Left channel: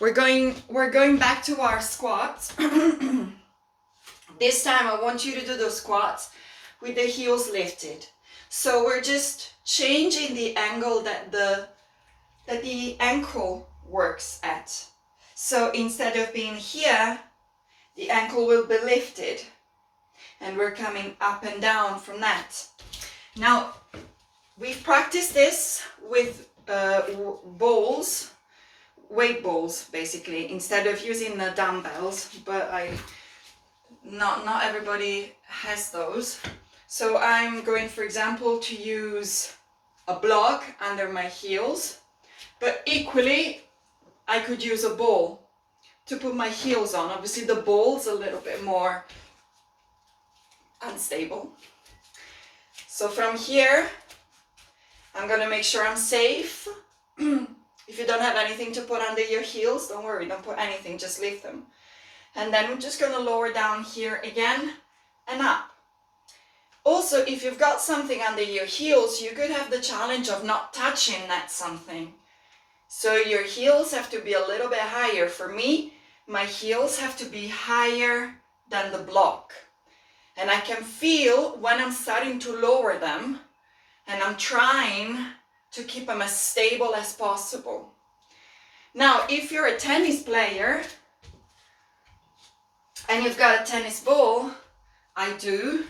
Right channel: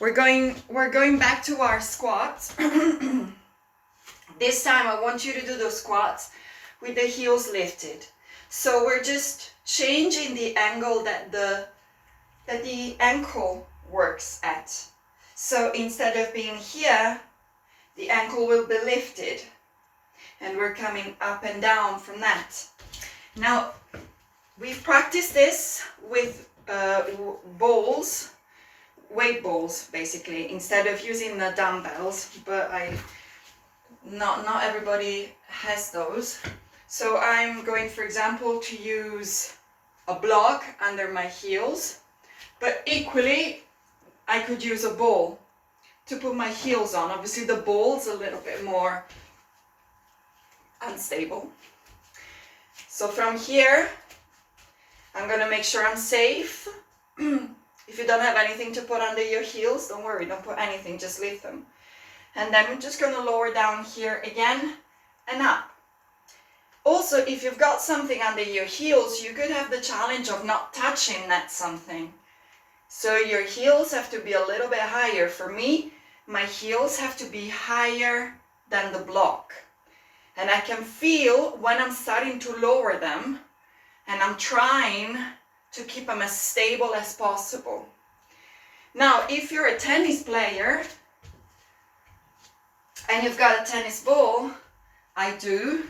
We're going back to our squats. This time I want you to do those squats with the heels lifted. So we're just changing the angle that the ankle works at. So instead of being here, the ankle will be lifted and we're coming up and down from that. Now, we've practiced this with balls, weight balls basically, instead of using the dumbbells, but not everybody has those. So I'm going, for example, to use a block under my heels, but equally I could use a ball to put my heels on. Obviously the ball's a little bit more unstable. So from here, I'm gonna make sure I'm safe. If you don't have anything to put under your heels, don't worry, don't put anything, just leave them. And then we're just gonna lower down here again and up. Also, if you've got something under your heels, you could have the challenge of not touching that something. So your heels have to be a little bit higher. For me, my heels have to be higher than the block. And I can feel when I'm starting to lower them, and I'm trying to keep them as stable as possible. Now, if you're a tennis player and you've got a tennis ball, I do,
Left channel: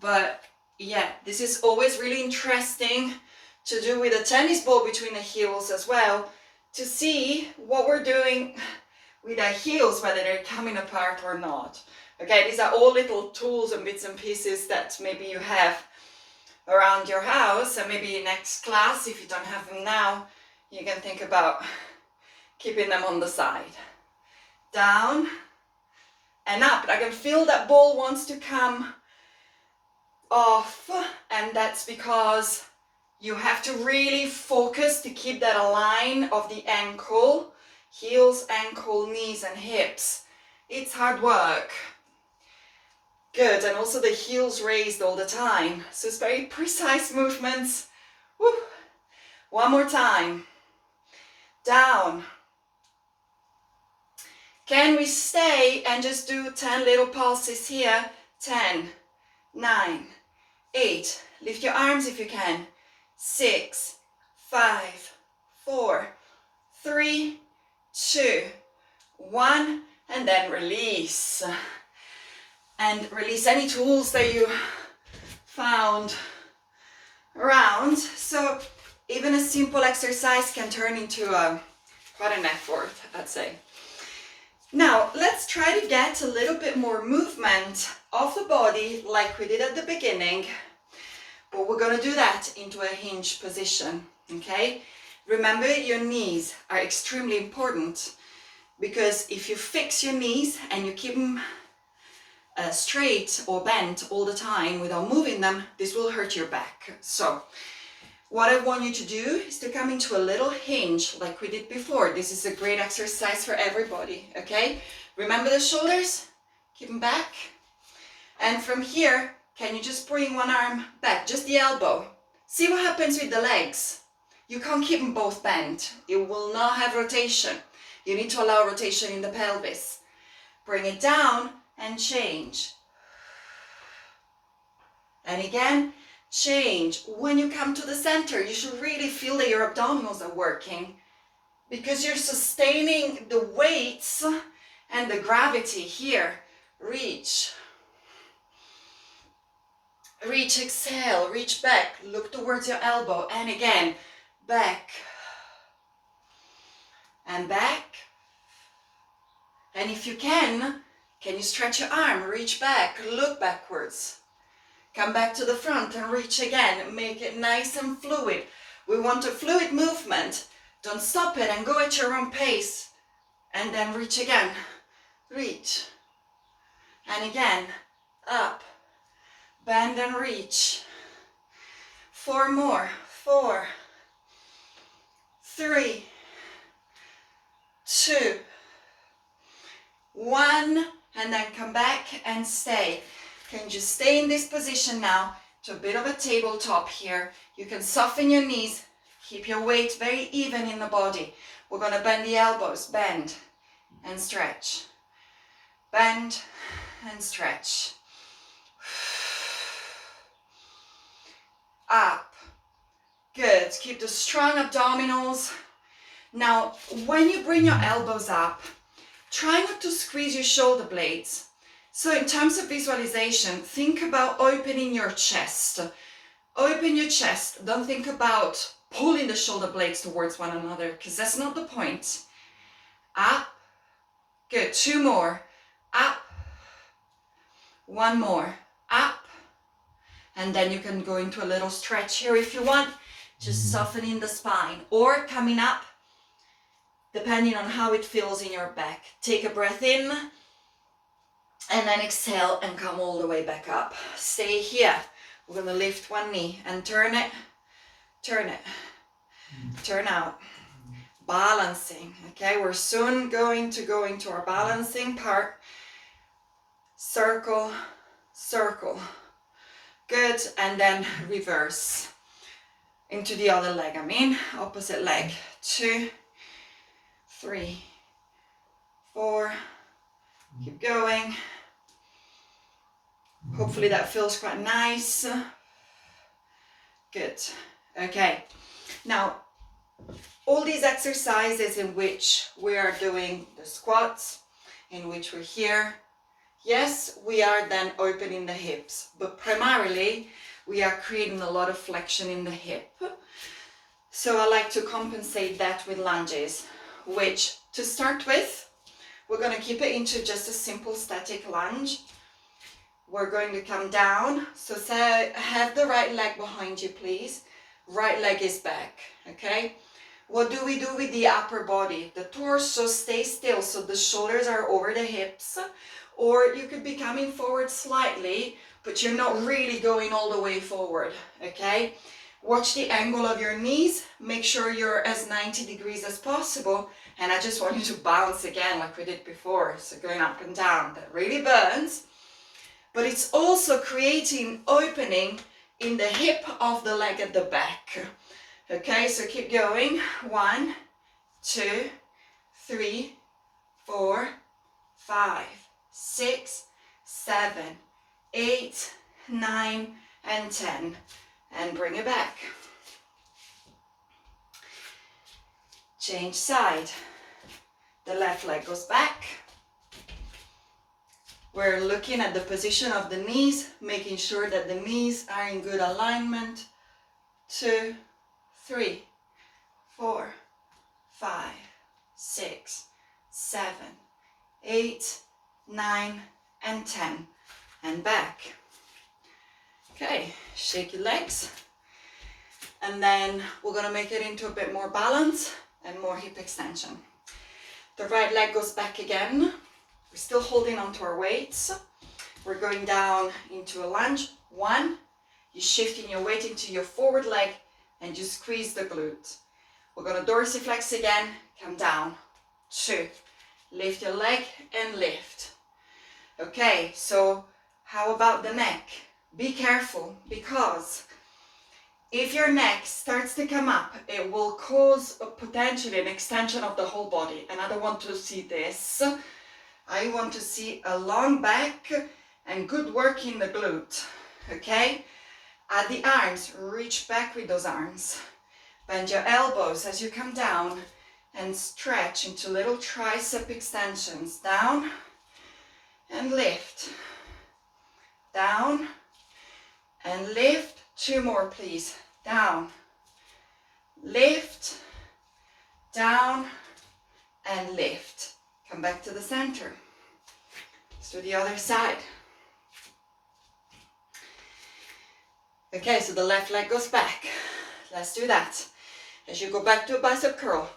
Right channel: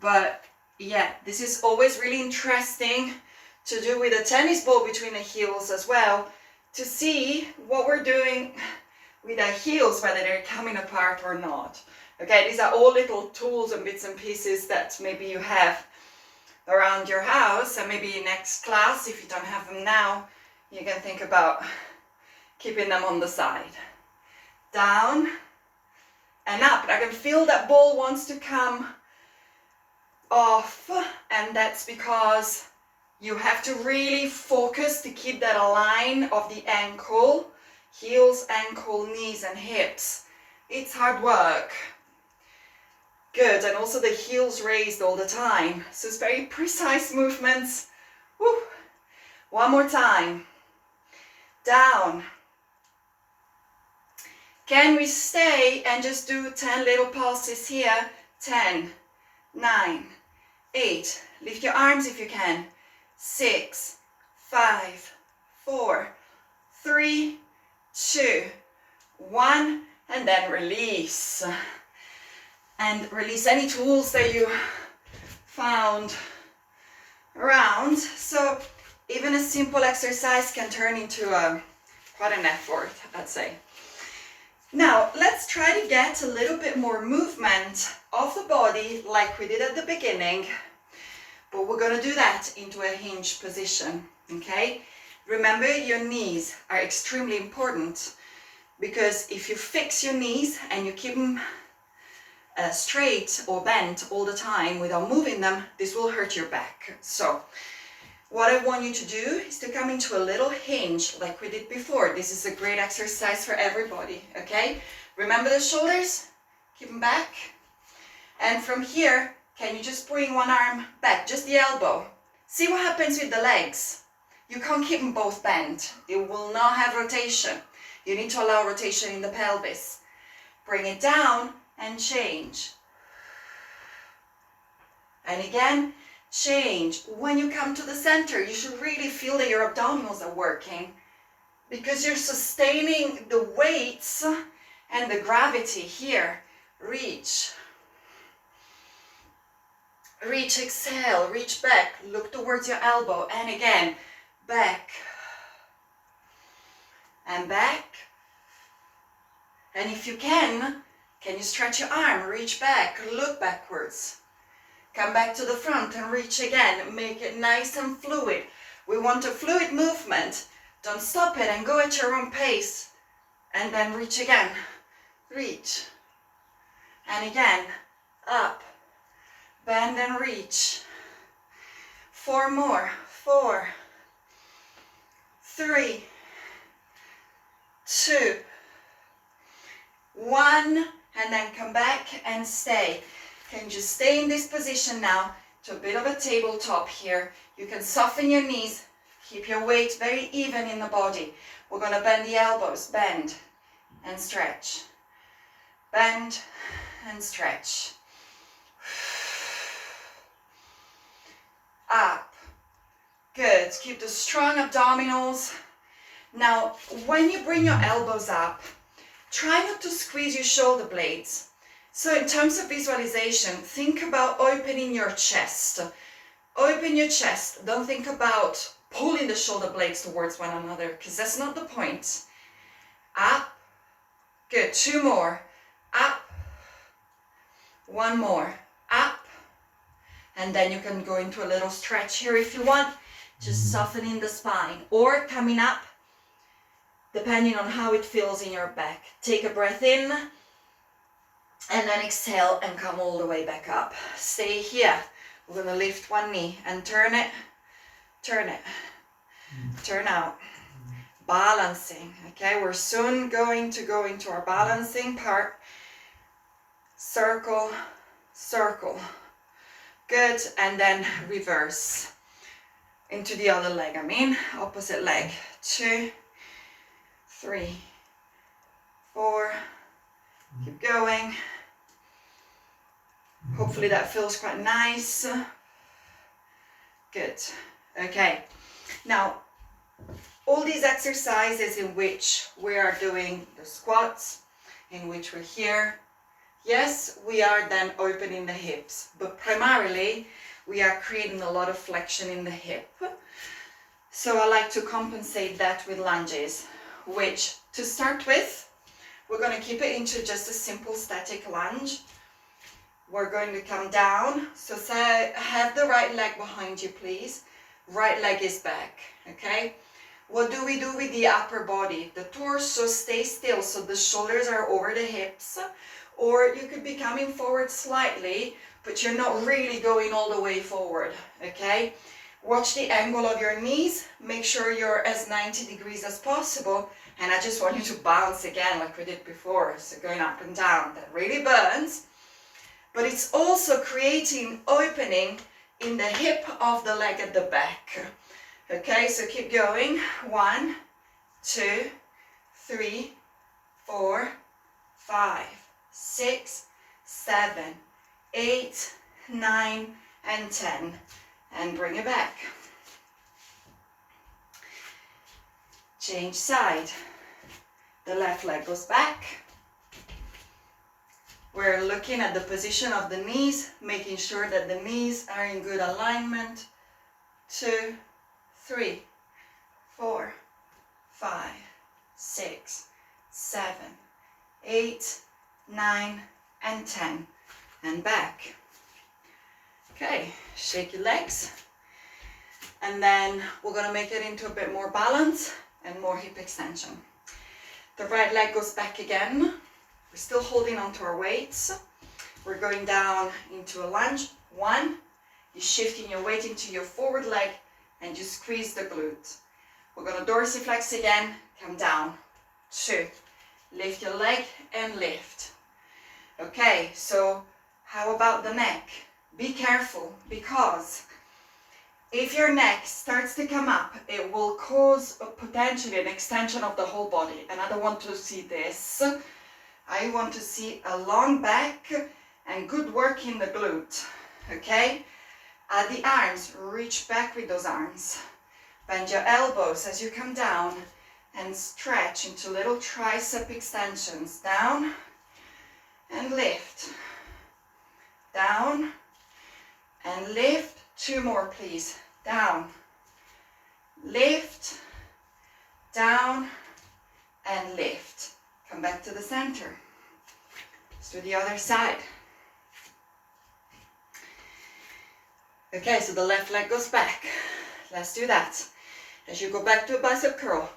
but yeah, this is always really interesting to do with a tennis ball between the heels as well, to see what we're doing with our heels, whether they're coming apart or not. Okay, these are all little tools and bits and pieces that maybe you have around your house, and maybe next class, if you don't have them now, you can think about keeping them on the side. Down and up. I can feel that ball wants to come off, and that's because you have to really focus to keep that line of the ankle, heels, ankle, knees and hips. It's hard work. Good, and also the heels raised all the time. So it's very precise movements. Woo. One more time. Down. Can we stay and just do 10 little pulses here? 10, 9, 8. Lift your arms if you can. 6, 5, 4, 3, 2, 1, and then release. And release any tools that you found around. So even a simple exercise can turn into quite an effort, I'd say. Now, let's try to get a little bit more movement of the body like we did at the beginning, but we're going to do that into a hinge position, okay? Remember, your knees are extremely important, because if you fix your knees and you keep them straight or bent all the time without moving them, this will hurt your back. So what I want you to do is to come into a little hinge like we did before. This is a great exercise for everybody, okay? Remember the shoulders, keep them back. And from here, can you just bring one arm back, just the elbow? See what happens with the legs. You can't keep them both bent. It will not have rotation. You need to allow rotation in the pelvis. Bring it down and change. And again, change. When you come to the center, you should really feel that your abdominals are working, because you're sustaining the weights and the gravity here. Reach. Reach, exhale, reach back, look towards your elbow, and again, back. And back. And if you can you stretch your arm, reach back, look backwards. Come back to the front and reach again. Make it nice and fluid. We want a fluid movement. Don't stop it and go at your own pace. And then reach again. Reach. And again, up. Bend and reach. 4 more. 4, 3, 2, 1. And then come back and stay. Can you just stay in this position now to a bit of a tabletop here. You can soften your knees, keep your weight very even in the body. We're going to bend the elbows, bend and stretch. Bend and stretch. Up. Good. Keep the strong abdominals. Now, when you bring your elbows up, try not to squeeze your shoulder blades. So in terms of visualization, think about opening your chest. Open your chest. Don't think about pulling the shoulder blades towards one another, because that's not the point. Up. Good. 2 more. Up. 1 more. Up. And then you can go into a little stretch here if you want. Just softening the spine. Or coming up, depending on how it feels in your back. Take a breath in. And then exhale and come all the way back up. Stay here. We're going to lift one knee and turn it. Turn it. Turn out. Balancing. Okay, we're soon going to go into our balancing part. Circle, circle. Good. And then reverse into the other leg. Opposite leg. 2, 3, 4. Keep going. Hopefully that feels quite nice. Good. Okay. Now, all these exercises in which we are doing the squats, in which we're here, yes, we are then opening the hips, but primarily we are creating a lot of flexion in the hip. So I like to compensate that with lunges, which to start with, we're going to keep it into just a simple static lunge. We're going to come down. So say, have the right leg behind you, please. Right leg is back, okay? What do we do with the upper body? The torso stays still, so the shoulders are over the hips. Or you could be coming forward slightly, but you're not really going all the way forward, okay? Watch the angle of your knees. Make sure you're as 90 degrees as possible. And I just want you to bounce again like we did before. So going up and down, that really burns. But it's also creating opening in the hip of the leg at the back. Okay, so keep going. 1, 2, 3, 4, 5, 6, 7, 8, 9, and 10. And bring it back. Change side. The left leg goes back. We're looking at the position of the knees, making sure that the knees are in good alignment. 2, 3, 4, 5, 6, 7, 8, 9, and 10. And back. Okay, shake your legs. And then we're going to make it into a bit more balance and more hip extension. The right leg goes back again. We're still holding onto our weights. We're going down into a lunge. 1, you're shifting your weight into your forward leg and you squeeze the glute. We're going to dorsiflex again, come down. 2, lift your leg and lift. Okay, so how about the neck? Be careful, because if your neck starts to come up, it will cause potentially an extension of the whole body. And I don't want to see this. I want to see a long back and good work in the glute. Okay? At the arms, reach back with those arms. Bend your elbows as you come down and stretch into little tricep extensions. Down and lift. Down and lift. 2 more, please. Down, lift, down, and lift. Come back to the center. Let's do the other side. Okay, so the left leg goes back. Let's do that. As you go back to a bicep curl,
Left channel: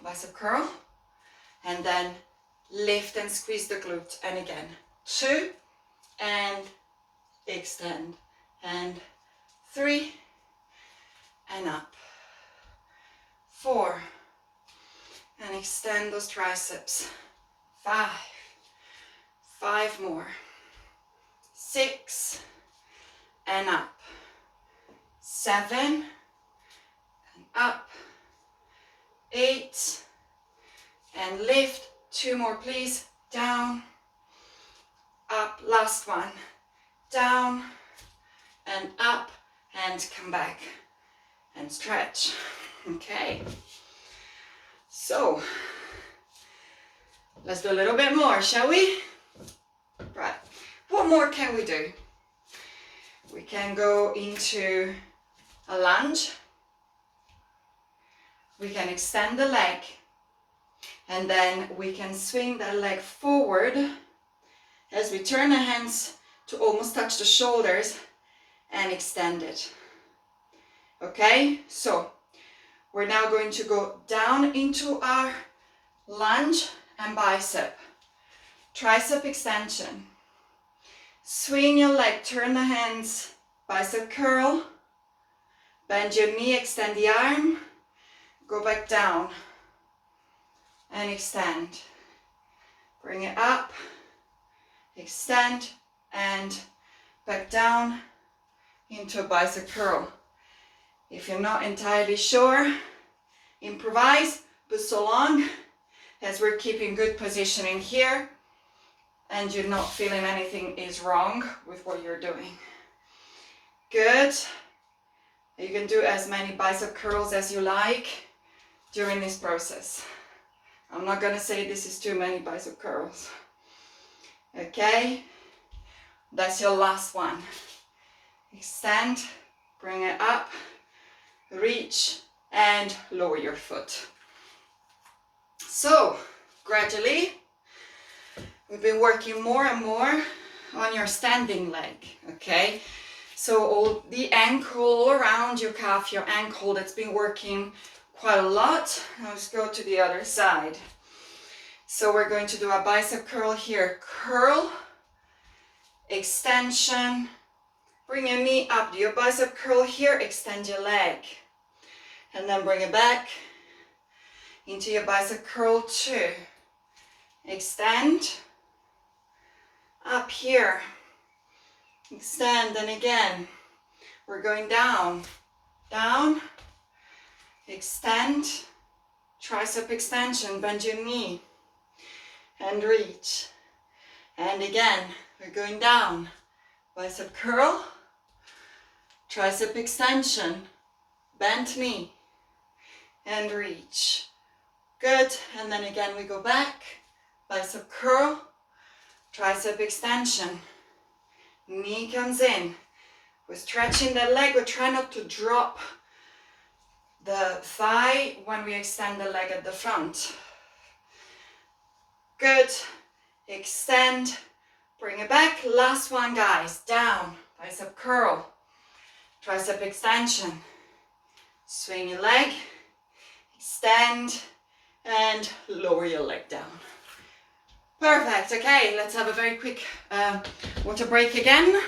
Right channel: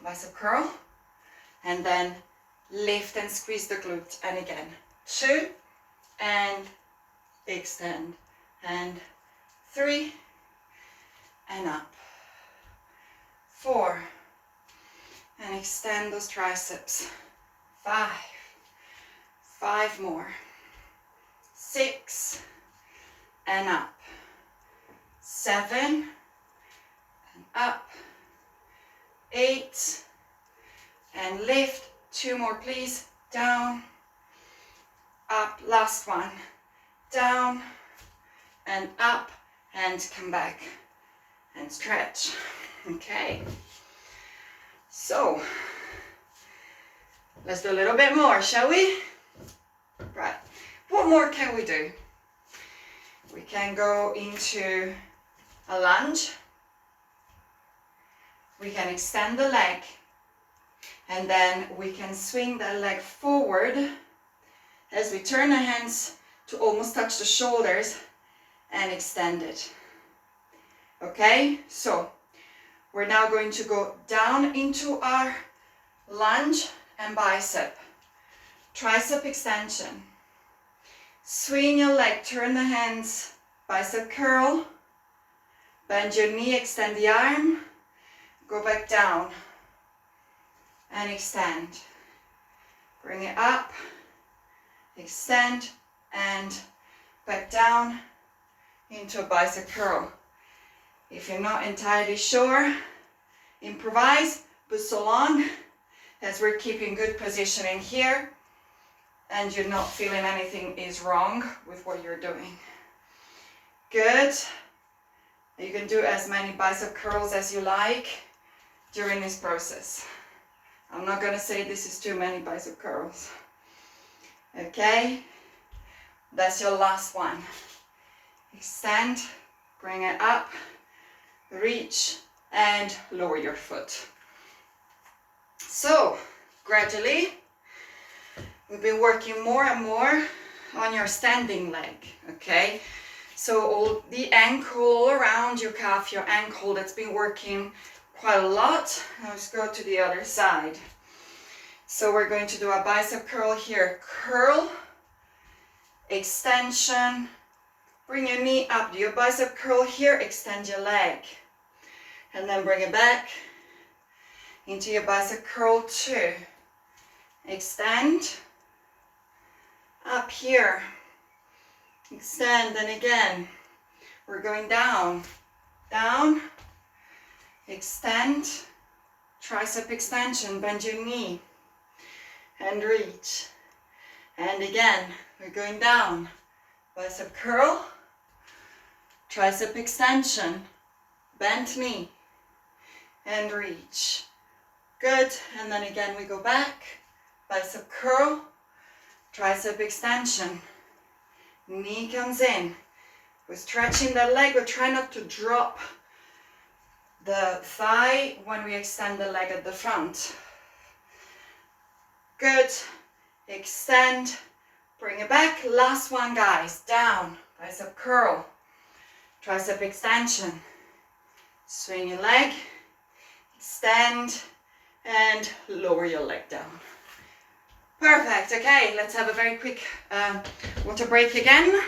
and then lift and squeeze the glute. And again, 2, and extend, and 3, and up. 4, and extend those triceps. 5, 5 more. 6, and up. 7, and up. 8, and lift. 2 more, please. Down, up, last one. Down and up, and come back and stretch. Okay. So, let's do a little bit more, shall we? Right. What more can we do? We can go into a lunge. We can extend the leg, and then we can swing that leg forward as we turn the hands to almost touch the shoulders and extend it. Okay, so we're now going to go down into our lunge and bicep. Tricep extension. Swing your leg, turn the hands, bicep curl. Bend your knee, extend the arm. Go back down and extend. Bring it up, extend, and back down into a bicep curl. If you're not entirely sure, improvise, but so long as we're keeping good positioning here and you're not feeling anything is wrong with what you're doing. Good. You can do as many bicep curls as you like during this process. I'm not going to say this is too many bicep curls. Okay, that's your last one. Extend, bring it up, reach, and lower your foot. So, gradually, we've been working more and more on your standing leg, okay? So all the ankle around your calf, your ankle, that's been working quite a lot. Now let's go to the other side. So we're going to do a bicep curl here. Curl, extension, bring your knee up, do your bicep curl here, extend your leg. And then bring it back into your bicep curl 2. Extend, up here. Extend, and again, we're going down, down, extend, tricep extension, bend your knee, and reach. And again, we're going down, bicep curl, tricep extension, bent knee, and reach. Good, and then again we go back, bicep curl, tricep extension, knee comes in. We're stretching the leg. We're trying not to drop the thigh when we extend the leg at the front. Good. Extend. Bring it back. Last one, guys. Down. Bicep curl. Tricep extension. Swing your leg. Extend. And lower your leg down. Perfect. Okay, let's have a very quick water break again.